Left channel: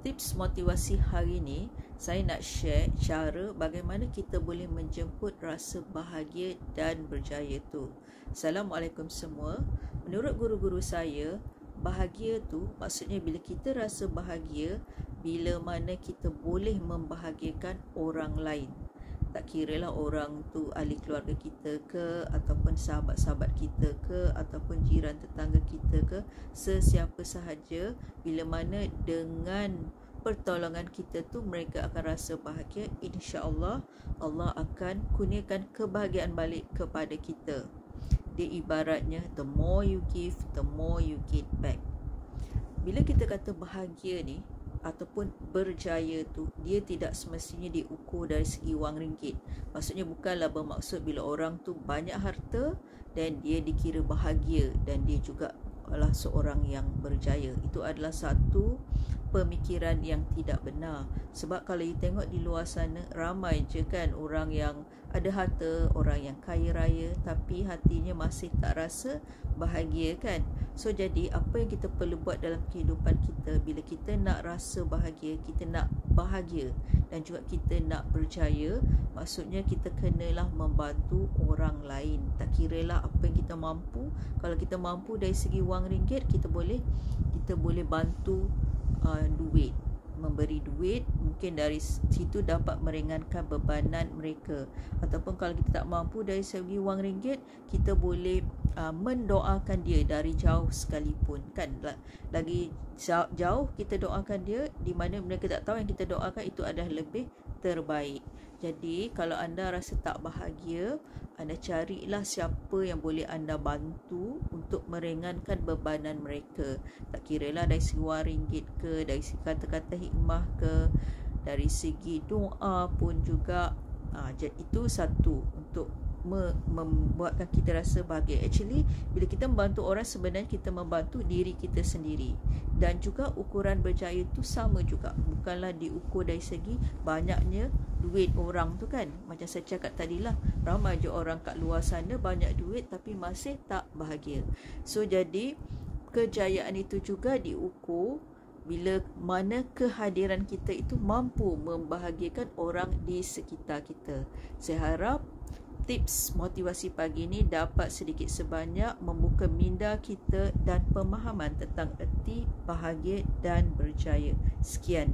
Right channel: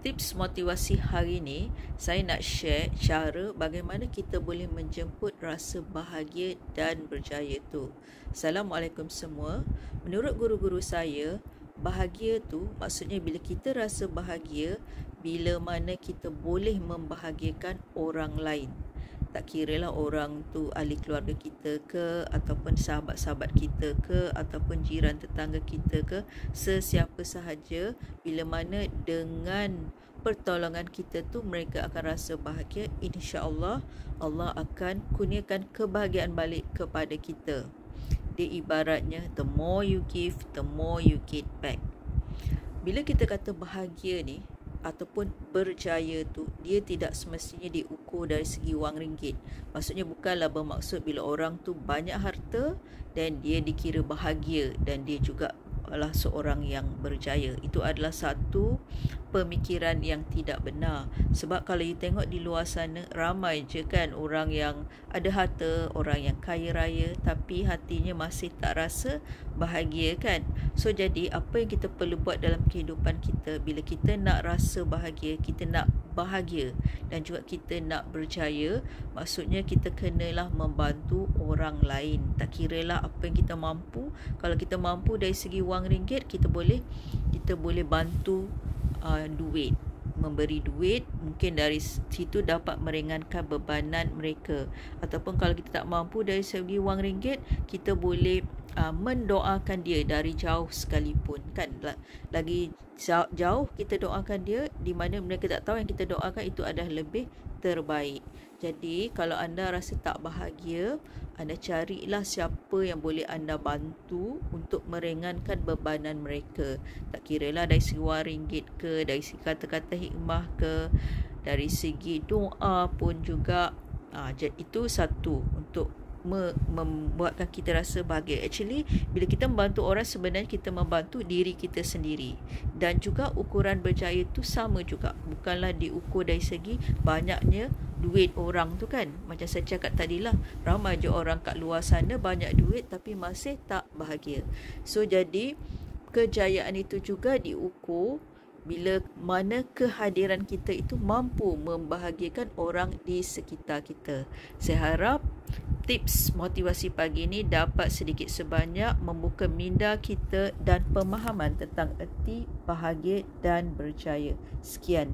Tips motivasi hari ini, saya nak share cara bagaimana kita boleh menjemput rasa bahagia dan berjaya tu. Assalamualaikum semua. Menurut guru-guru saya, bahagia tu maksudnya bila kita rasa bahagia, bila mana kita boleh membahagiakan orang lain. Tak kiralah orang tu ahli keluarga kita ke, ataupun sahabat-sahabat kita ke, ataupun jiran tetangga kita ke, sesiapa sahaja, bila mana dengan pertolongan kita tu mereka akan rasa bahagia, insya-Allah Allah akan kurniakan kebahagiaan balik kepada kita. Dia ibaratnya the more you give, the more you get back. Bila kita kata bahagia ni ataupun berjaya tu, dia tidak semestinya diukur dari segi wang ringgit. Maksudnya bukanlah bermaksud bila orang tu banyak harta dan dia dikira bahagia dan dia juga adalah seorang yang berjaya. Itu adalah satu pemikiran yang tidak benar. Sebab kalau you tengok di luar sana, ramai je kan orang yang ada harta, orang yang kaya raya, tapi hatinya masih tak rasa bahagia kan. So jadi apa yang kita perlu buat dalam kehidupan kita, bila kita nak rasa bahagia, kita nak bahagia dan juga kita nak berjaya, maksudnya kita kenalah membantu orang lain. Tak kiralah apa yang kita mampu. Kalau kita mampu dari segi wang ringgit, kita boleh bantu duit, memberi duit, mungkin dari situ dapat meringankan bebanan mereka. Ataupun kalau kita tak mampu dari segi wang ringgit, kita boleh mendoakan dia dari jauh sekalipun kan. Lagi jauh kita doakan dia, di mana mereka tak tahu yang kita doakan itu adalah lebih terbaik. Jadi kalau anda rasa tak bahagia, anda carilah siapa yang boleh anda bantu untuk meringankan bebanan mereka. Tak kiralah dari segi wang ringgit ke, dari segi kata-kata hikmah ke, dari segi doa pun juga. Itu satu untuk membuatkan kita rasa bahagia. Actually, bila kita membantu orang, sebenarnya kita membantu diri kita sendiri. Dan juga ukuran berjaya tu sama juga, bukanlah diukur dari segi banyaknya duit orang tu kan. Macam saya cakap tadilah, ramai je orang kat luar sana banyak duit tapi masih tak bahagia. So jadi kejayaan itu juga diukur bila mana kehadiran kita itu mampu membahagiakan orang di sekitar kita. Saya harap tips motivasi pagi ini dapat sedikit sebanyak membuka minda kita dan pemahaman tentang erti bahagia dan berjaya. Sekian.